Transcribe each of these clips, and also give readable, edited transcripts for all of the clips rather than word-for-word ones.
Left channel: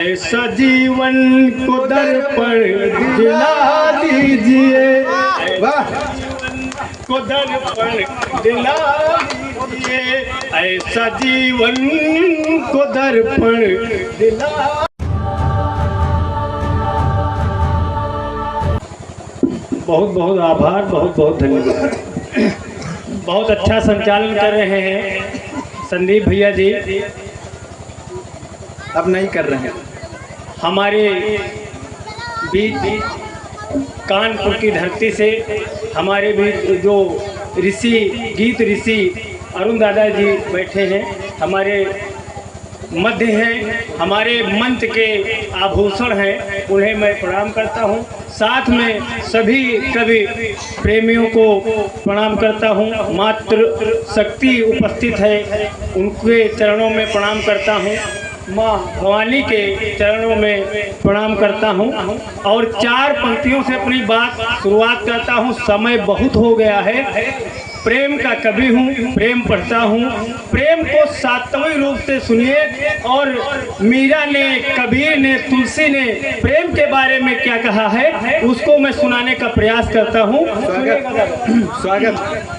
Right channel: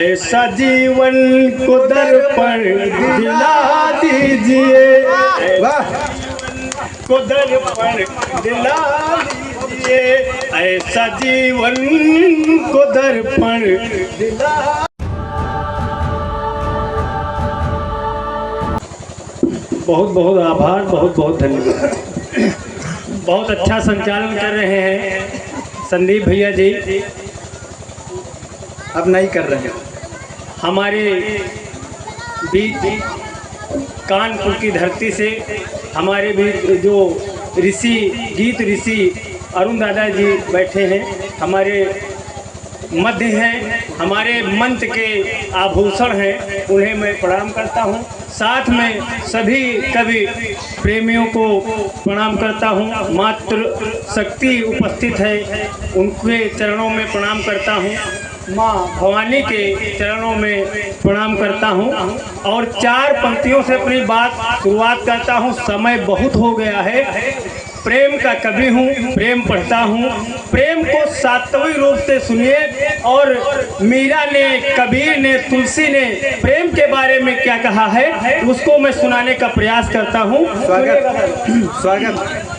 ऐसा जीवन को दर्पण दिला दीजिए, को दर्पण दिला दीजिए, ऐसा जीवन को दर्पण दिला। बहुत बहुत आभार, बहुत बहुत धन्यवाद। बहुत अच्छा संचालन कर रहे हैं संदीप भैया जी। अब नहीं कर रहे हैं। हमारे बीच कानपुर की धरती से हमारे बीच जो ऋषि, गीत ऋषि अरुण दादा जी बैठे हैं, हमारे मध्य हैं, हमारे मंत्र के आभूषण हैं, उन्हें मैं प्रणाम करता हूं। साथ में सभी कवि प्रेमियों को प्रणाम करता हूं। मातृ शक्ति उपस्थित है, उनके चरणों में प्रणाम करता हूं। माँ भवानी के चरणों में प्रणाम करता हूँ और चार पंक्तियों से अपनी बात शुरुआत करता हूँ। समय बहुत हो गया है। प्रेम का कवि हूँ, प्रेम पढ़ता हूँ। प्रेम को सात्विक रूप से सुनिए। और मीरा ने, कबीर ने, तुलसी ने प्रेम के बारे में क्या कहा है उसको मैं सुनाने का प्रयास करता हूँ। स्वागत।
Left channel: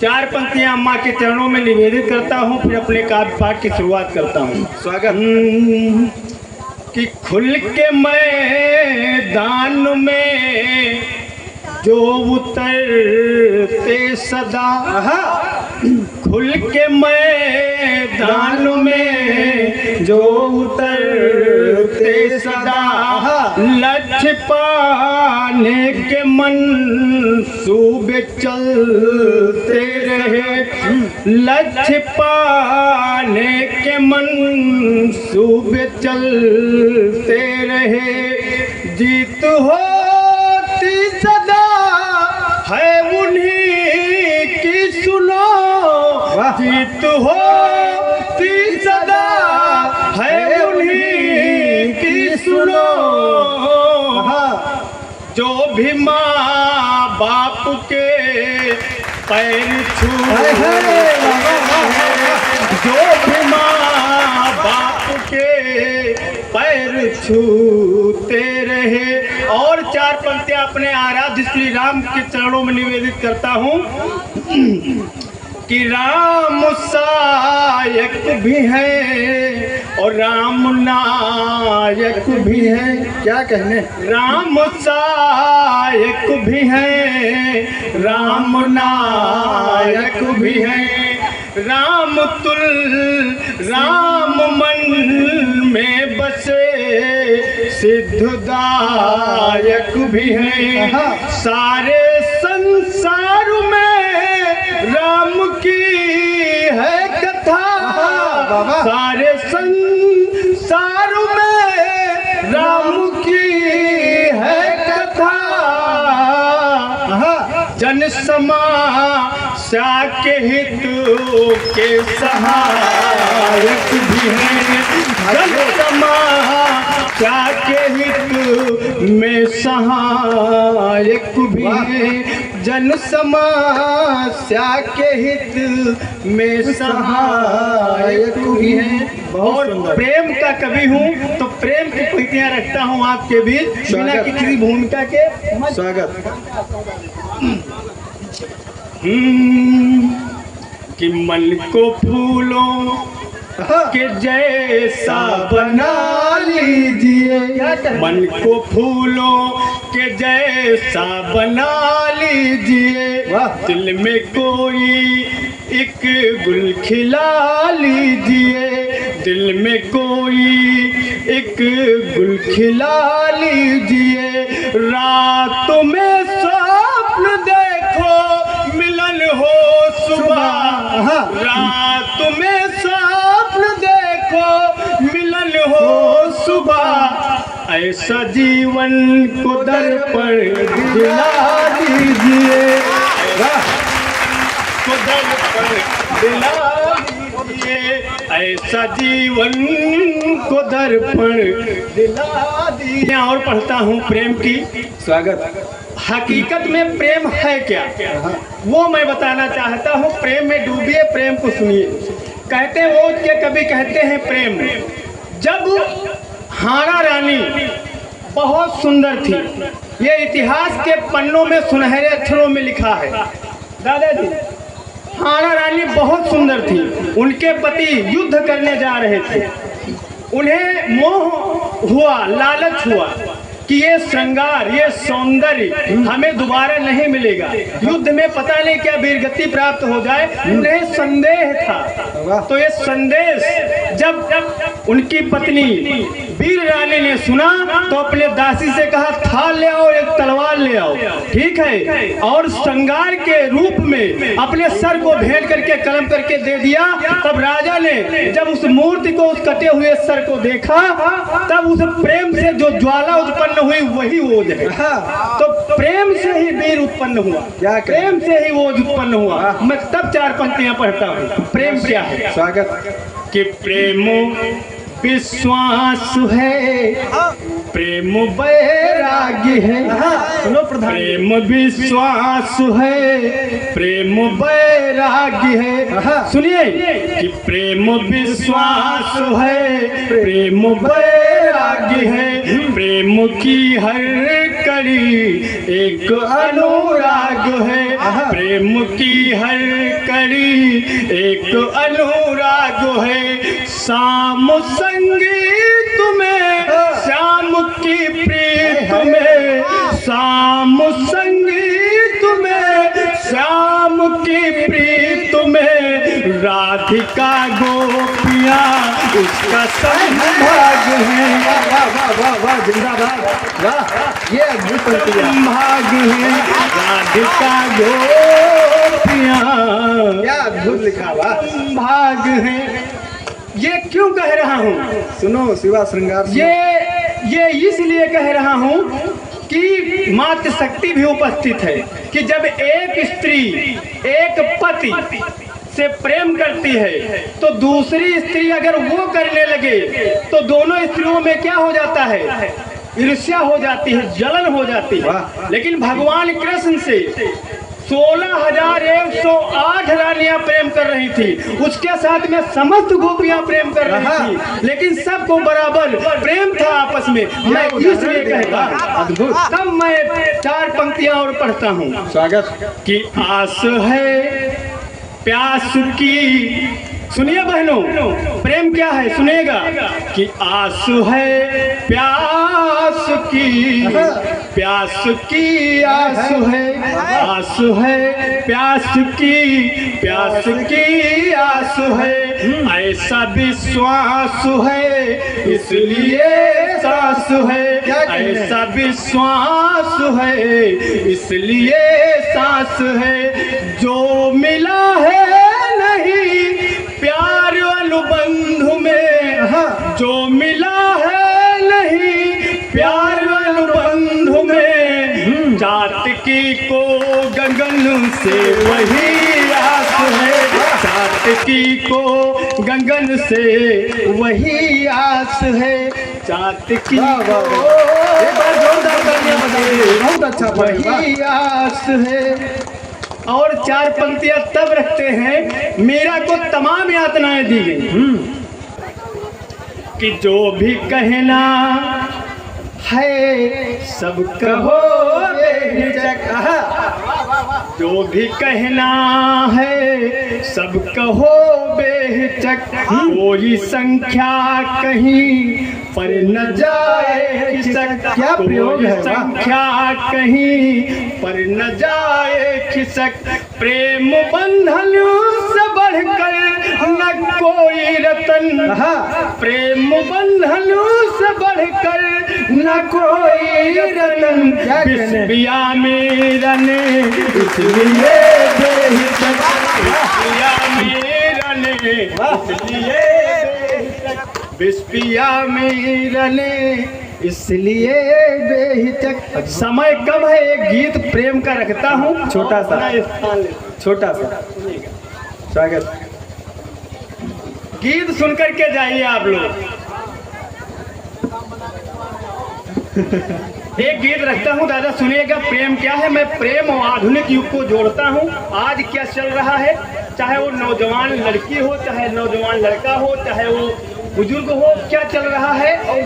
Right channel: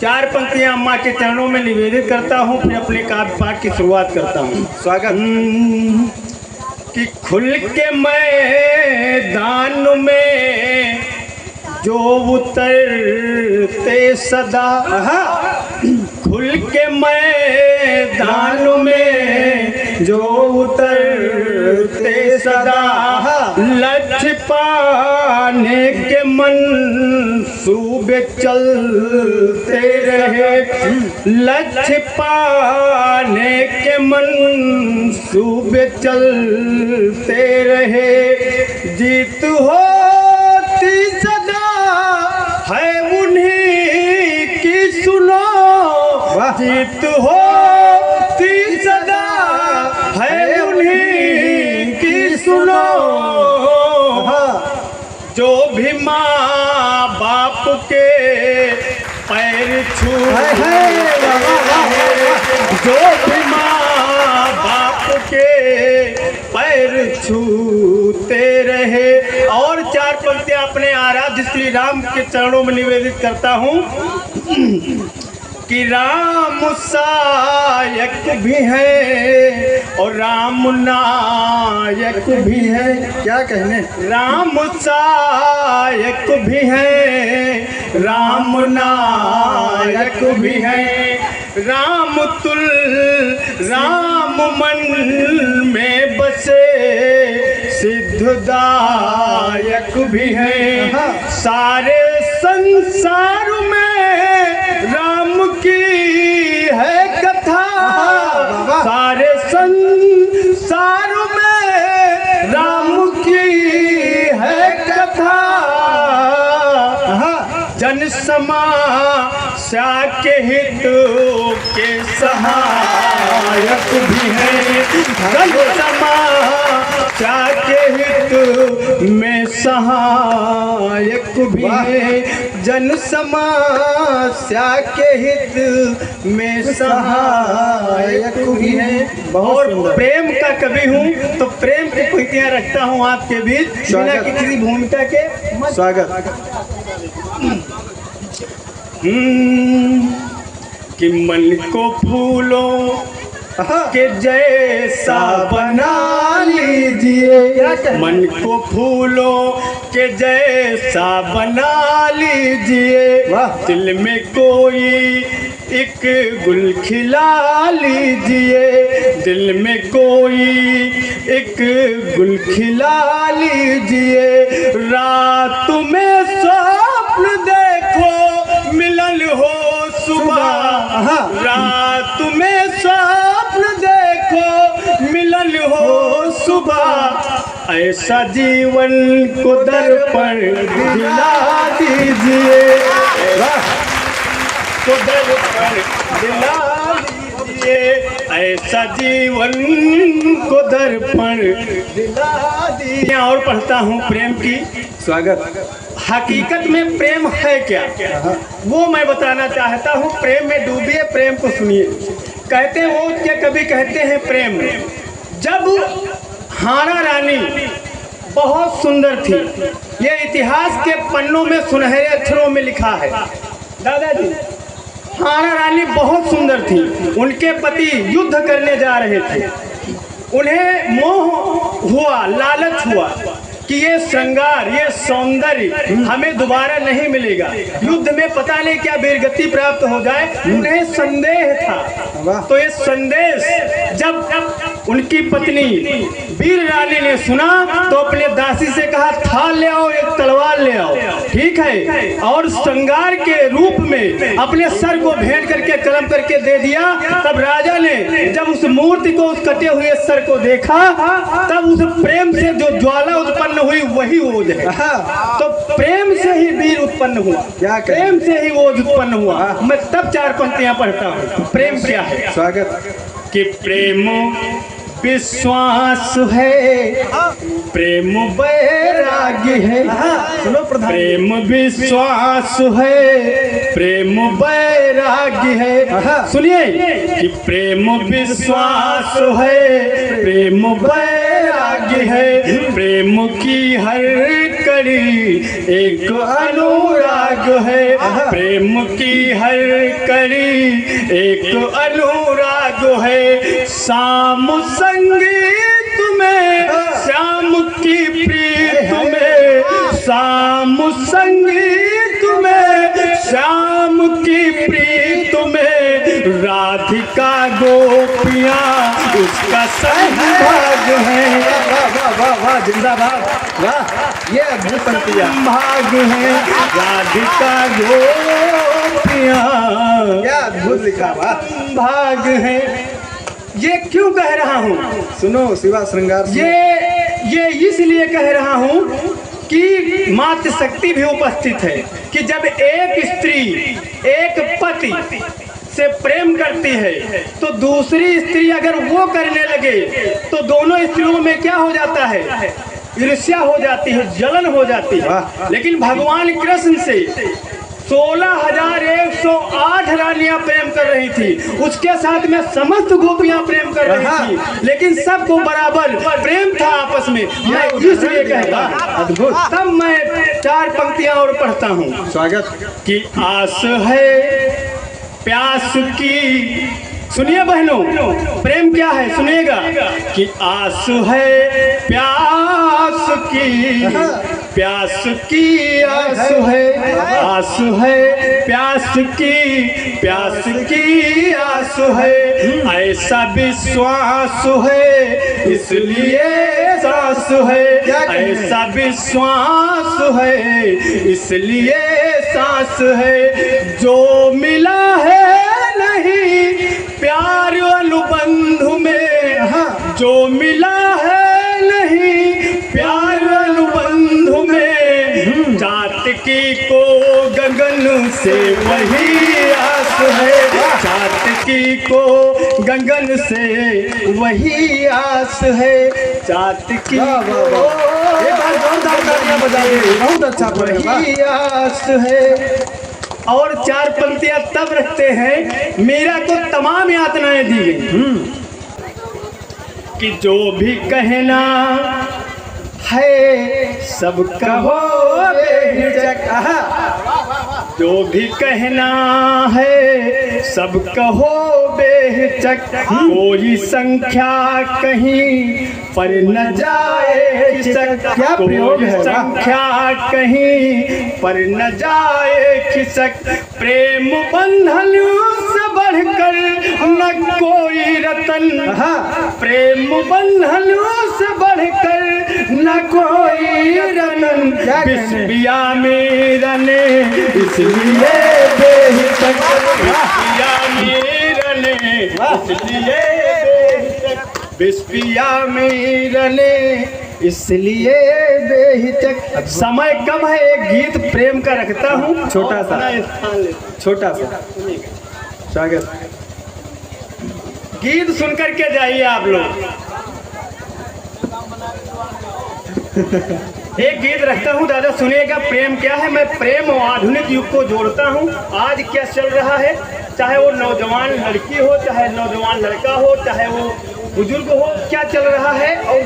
चार पंक्तियां अम्मा के चरणों में निवेदित करता हूँ, फिर अपने काव्य पाठ की शुरुआत करता हूँ। स्वागत। कि खुल के मैदान में जो उतरते सदा, खुल के मैदान में जो उतरते सदा, लक्ष्य पाने के मंसूबे चलते रहे, लक्ष्य पाने के मंसूबे चलते रहे। जीत होती सदा है उन्हीं की सुनो, जीत होती सदा है उन्हीं की सुनो। जो भी माँ बाप के पैर छूते, जो भी माँ बाप के पैर छूते रहे। और चार पंक्तियां अपने आराध्य श्री राम के चरणों में निवेदित करता हूँ कि राम सहायक भी है और राम नायक भी है। क्या कहने? राम सहायक भी है, राम नायक भी है। राम तुल राम मन में बसे सिद्धदायक भी है। सारे संसार में राम की है कथा, सारे संसार में राम की है कथा। जन समस्या के हित के सहायक भी है, जन समस्या के हित में सहायक भी है, जन समस्या के हित में सहायक भी है। और प्रेम का कवि हूँ तो प्रेम की पंक्तियां रखता हूँ आपके बीच बिना किसी भूमिका के। स्वागत। कि मन को फूलों के जैसा बना लीजिए, मन को फूलों के जैसा बना लीजिए। दिल में कोई एक गुल खिला लीजिए, दिल में कोई एक गुल खिला लीजिए। रात में स्वप्न देखो मिलन हो सुबह, रात में स्वप्न देखो मिलन हो सुबह। ऐसा जीवन को दर्पण दिला दीजिए, को दर्पण दिला दीजिए। ऐसा जीवन को दर्पण दिला दीजिए। और पढ़ता हूँ प्रेम की। स्वागत। हकीकत में प्रेम है क्या, वो मैं बताना चाहता हूँ। प्रेम में डूबिए, प्रेम को सुनिए। कहते हैं ओज के कभी कहते हैं प्रेम। जब हाना रानी बहुत सुंदर थी, ये इतिहास के पन्नों में सुनहरे अक्षरों में लिखा है। दादाजी, हाना रानी बहुत सुंदर थी। उनके पति युद्ध करने जा रहे थे। उन्हें मोह हुआ, लालच हुआ कि ये श्रृंगार, ये सौंदर्य हमें दोबारा नहीं मिलेगा, युद्ध में पता नहीं क्या वीरगति प्राप्त हो जाए। उन्हें संदेह था। तो ये संदेश जब उनकी पत्नी वीर रानी ने सुना तो अपने दासी से कहा, थाल ले आओ, एक तलवार ले आओ, ठीक है, और श्रृंगार के रूप में अपने सर को भेंट करके कलम करके दे दिया। तब राजा ने जब उस मूर्ति को, उस कटे हुए सर को देखा, तब उस प्रेम से जो ज्वाला उत्पन्न हुई वही ओज है। तो प्रेम से ही वीर उत्पन्न हुआ, प्रेम से ही ओज उत्पन्न हुआ। मैं तब 4 पंक्तियां पढ़ता हूँ। प्रेम क्या है? स्वागत। कि प्रेम विश्वास है, प्रेम वैराग्य है। सुनो प्रधान, प्रेम विश्वास है, प्रेम वैराग्य है। सुनिए कि प्रेम विश्वास है, प्रेम वैराग्य है, प्रेम की हर कड़ी एक अनुराग है, प्रेम की हर कड़ी एक अनुराग है। शाम संगीत में श्याम की प्रीत में, शाम संगीत में श्याम की प्रीत में, राधिका गोपियाँ उसका संभाग है। वाह वाह वाह वाह, जिंदाबाद, वाह, ये अद्भुत पंक्तियां। भाग है राधिका गोपियाँ, क्या अद्भुत लिखा, वाह। भाग है। ये क्यों कह रहा हूँ? सुनो शिवा श्रृंगार, ये इसलिए कह रहा हूँ कि मातृ शक्ति भी उपस्थित है कि जब एक स्त्री एक पति से प्रेम करती है तो दूसरी स्त्री अगर वो करने लगे तो दोनों स्त्रियों में क्या हो जाता है? ईर्ष्या हो जाती है, जलन हो जाती है। लेकिन भगवान कृष्ण से 16,108 रानियां प्रेम कर रही थी, उसके साथ में समस्त गोपियां प्रेम कर रही थी, लेकिन सबको बराबर प्रेम था आपस में। मैं इसलिए कहता अद्भुत। तब मैं 4 पंक्तियां और पढ़ता हूँ। स्वागत। कि आस है प्यास की, सुनिए बहनों, प्रेम क्या है सुनिएगा। कि आस है प्यास की, प्यास की आस है, आस है प्यास की, प्यास की आस है, ऐसा विश्वास है इसलिए सांस है, ऐसा विश्वास है इसलिए सांस है। जो मिला है नहीं प्यार अनुबंध में, जो मिला है नहीं प्यार अनुबंध में, चातकी को गगन से वही आस है, चातकी को गगन से वही आस है, चातकी को बहुत अच्छा, वही आस है। और 4 पंक्तियां तब रखते हैं, मेरा को तमाम यातनाएं दी गई कि जो भी कहना है सब कहो बेहिचक, जो भी कहना है सब कहो बेहिचक, कोई संख्या कहीं पर न जाए खिसक, क्या प्रयोग है, संख्या कहीं पर न जाए खिसक, प्रेम बंधन से बढ़कर न कोई रतन, प्रेम बंधन से बढ़कर न कोई रतन, बिस्बिया मेरा ने इसलिए बेहिचक, बिस्बिया मेरा ने इसलिए बेहिचक, बिस्बिया मेरा ने इसलिए बेहिचक। समय कम है, एक गीत प्रेम का रखता हूँ, छोटा सा, छोटा सा। स्वागत। गीत सुन करके जाइए आप लोग। एक गीत रखता हूँ दादा, सुनिएगा प्रेम क्या है। मैं प्रेम और आधुनिक युग को जोड़ता हूँ। आज क्या चल रहा है चाहे वो नौजवान लड़की हो, चाहे नौजवान लड़का हो, चाहे वो बुजुर्ग हो, क्या चल रहा है और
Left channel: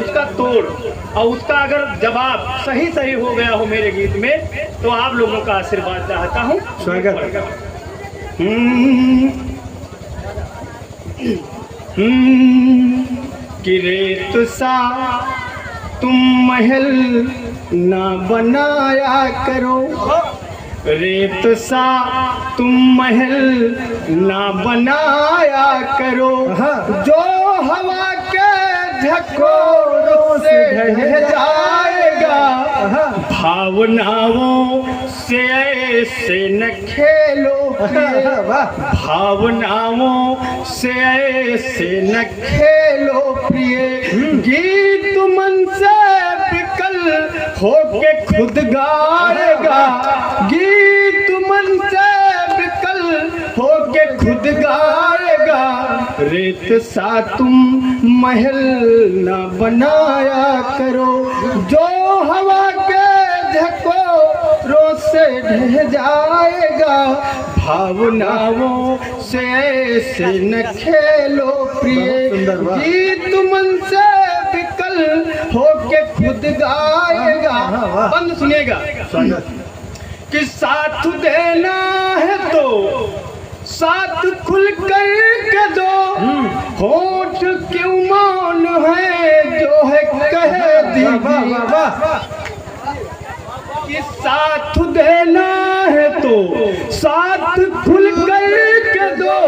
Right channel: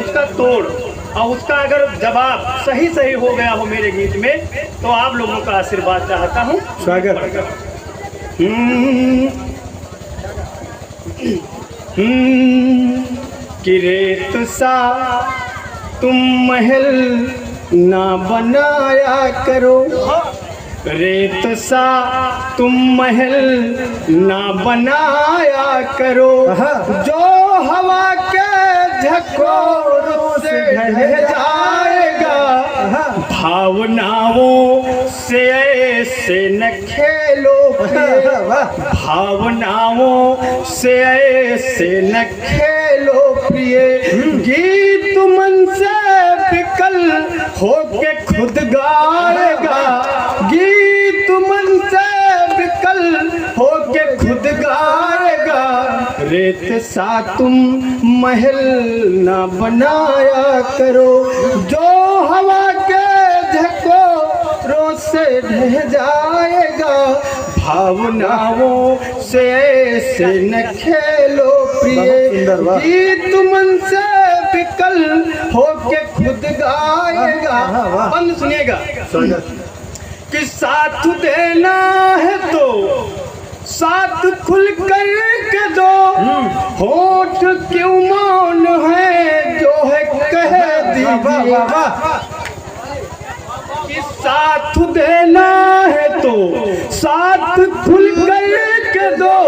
उसका तोड़ और उसका अगर जवाब सही सही हो गया हो मेरे गीत में, तो आप लोगों का आशीर्वाद चाहता हूँ। स्वागत। कि रेत सा तुम महल ना बनाया करो, रेत सा तुम महल ना बनाया करो, जो हवा के झकोरों से ढह जाएगा, भावनाओं से ऐसे न खेलो, भावनाओं से ऐसे न खेलो प्रिय, गीत मन से विकल होके खुद गाएगा, गीत मन से विकल होके खुद गाएगा, रेत सा तुम महल ना बनाया करो, जो हवा के झकोरों से ढह जाएगा, भावनाओं से ऐसे न खेलो प्रिय, गीत मन से विकल होके खुद गाएगा। बंद सुनिएगा कि साथ देना है तो साथ खुल कर के दो, होठ क्यों मौन है जो है कह दीजिए, कि साथ देना है तो साथ खुल कर के दो,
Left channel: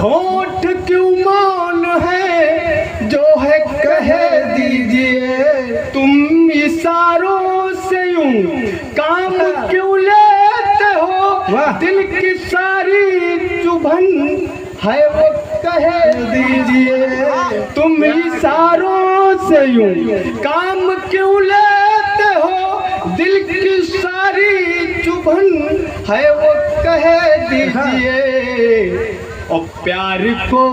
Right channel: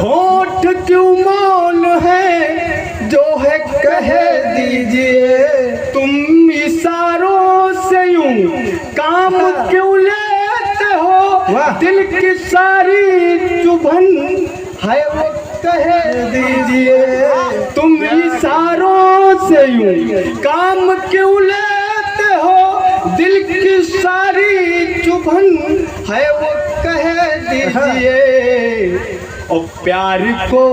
होठ क्यों मौन है जो है कह दीजिए, तुम इशारों से यूं काम क्यों लेते हो, दिल की सारी चुभन है वो कह दीजिए, तुम इशारों से यूं काम क्यों लेते हो, दिल की सारी चुभन है वो कह दीजिए, और प्यार को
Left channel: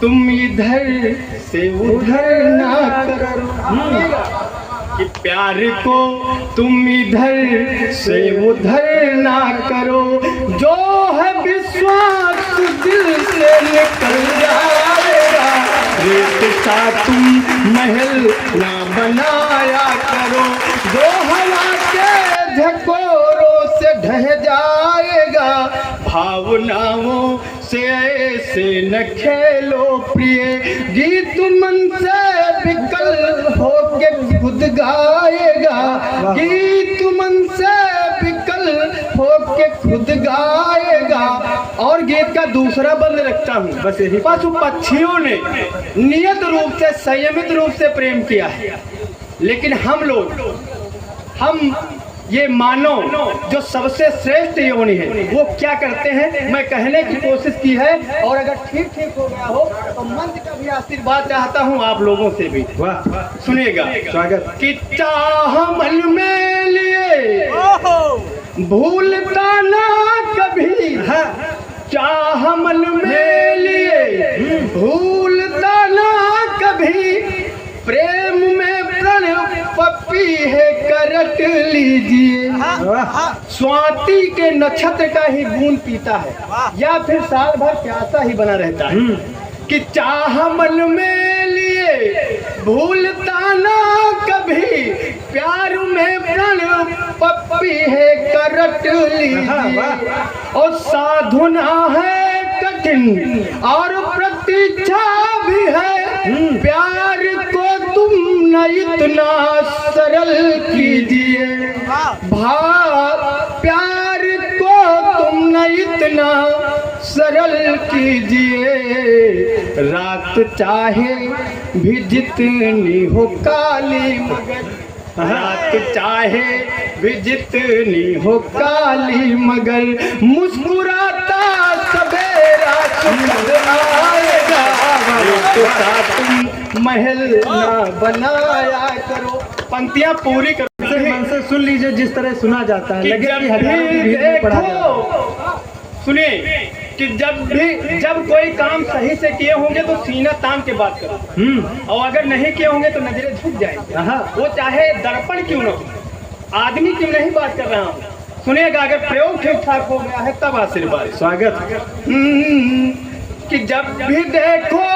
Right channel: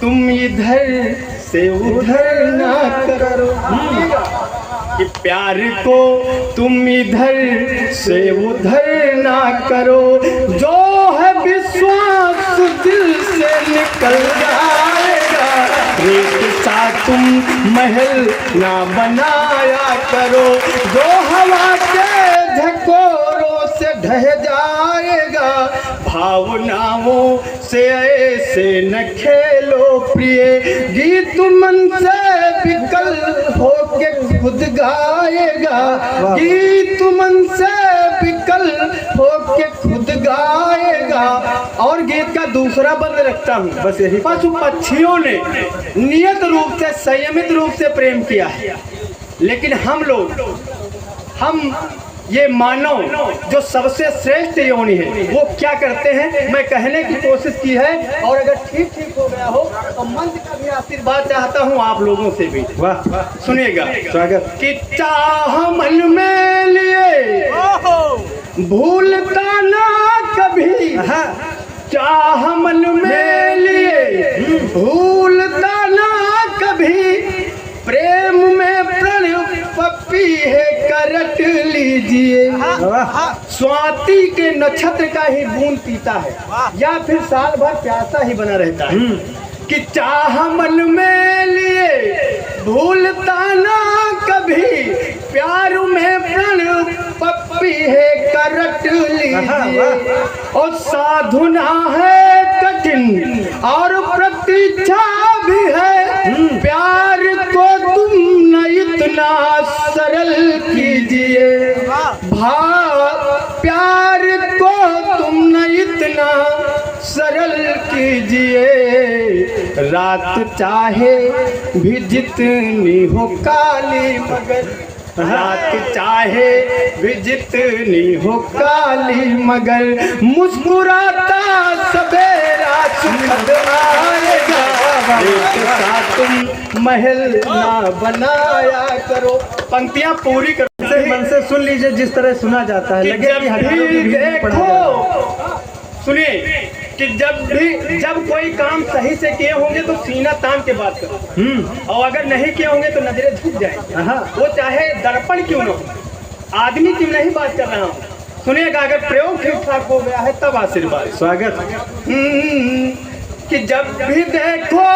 तुम इधर से उधर ना करो, कि प्यार को तुम इधर से उधर ना करो, जो है विश्वास दिल से निकल जाएगा, रेत सा तुम महल ना बनाया करो, जो हवा के झकोरों से ढह जाएगा, भावनाओं से ऐसे न खेलो प्रिय, गीत मन से विकल होके खुद गाएगा, गीत मन से विकल होके खुद गाएगा। और गीत का दूसरा बंद रखता हूँ, बस यही, पशु पक्षियों ने नियत रूप से संयमित रूप से प्रेम किया है, लेकिन हम ये मानव जो सबसे श्रेष्ठ योनि है, वो क्या करते हैं, मैं कहने की कोशिश की है, और अगर ठीक हो गया हो तो मंच का भी आशीर्वाद चाहता हूँ आप लोगों से भी। वाह, सुनिएगा, स्वागत। कि चाह मन में लिए भूलता ना कभी, चाह मन में लिए भूलता ना कभी, प्रेम में प्रण पप्पी है करट लीजिए, स्वाति के नक्षत्र का ही बूंद पीता है, या फिर साल भर प्यासा ही बना रहता है, कि चाह मन में लिए भूलता ना कभी, प्यार में प्रण पप्पी है करट लीजिए, और साधुना है कठिन और प्रतीक्षा भी है, प्यार को तुम न इतना सरल कीजिए, प्यार को तुम न इतना सरल कीजिए, रात चाहे भी जितनी हो काली मगर, रात चाहे भी जितनी हो काली मगर, मुस्कुराता सवेरा सुखद आएगा, रेत सा तुम महल ना बनाया करो। पंक्तियां पूरी कर मन से सुन लीजिए जिस तरह सुना जाता है, लगे कि हजारों की भीड़ में पड़ा जाए। सुनिए कि जब कोई काम सही से किए होंगे तो सीना तान के बात करो, और अगर नहीं किए होंगे तो नजरें झुक जाएंगी, वो चाहे दर्पण क्यों न हो, आदमी क्यों नहीं बात कर रहा हूँ, सुनिएगा, अगर प्रयोग ठीक ठाक हो गया है तब आशीर्वाद। स्वागत। कि जब भी देखो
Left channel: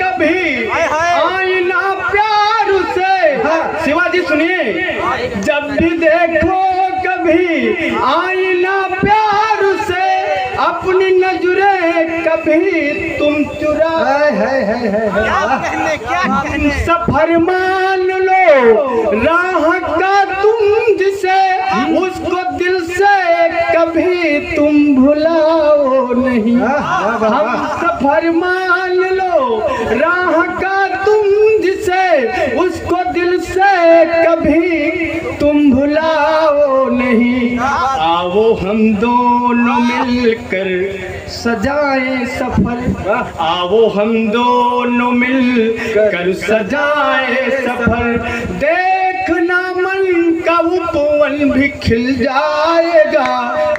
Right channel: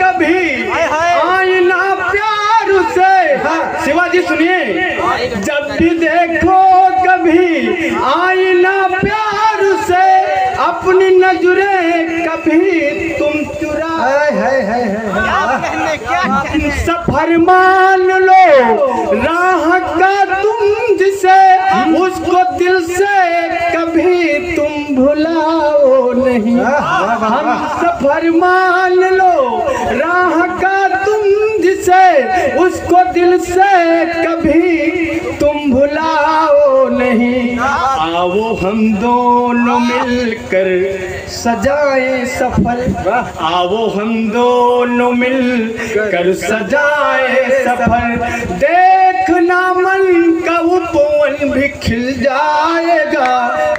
कभी आईना प्यार से। हाँ शिवाजी सुनिए, जब भी देखो कभी आईना प्यार से, अपनी नजरें कभी तुम चुरा। क्या कहने सफर मान लो राह का तुम जिसे, उसको दिल से कभी तुम भुलाओ नहीं। हम सफर मान लो राह का तुम जिसे, उसको दिल से कभी तुम भुलाओ नहीं। आओ हम दोनों मिलकर सजाएं सफर, आओ हम दोनों मिलकर सजाएं सफर। देखना मन का उपवन भी खिल जाएगा,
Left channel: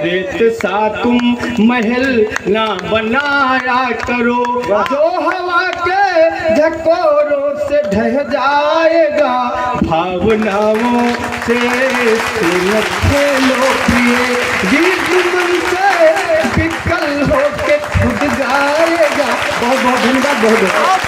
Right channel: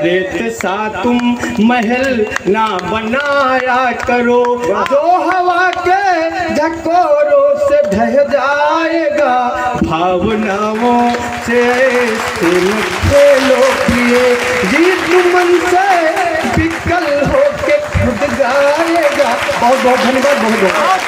रेत सा तुम महल ना बनाया करो, जो हवा के झकोरों से ढह जाएगा। भावनाओं से खेलो पिए, गीत मन से विकल होके छूट जाएगा। बहुत बहुत धन्यवाद। बहुत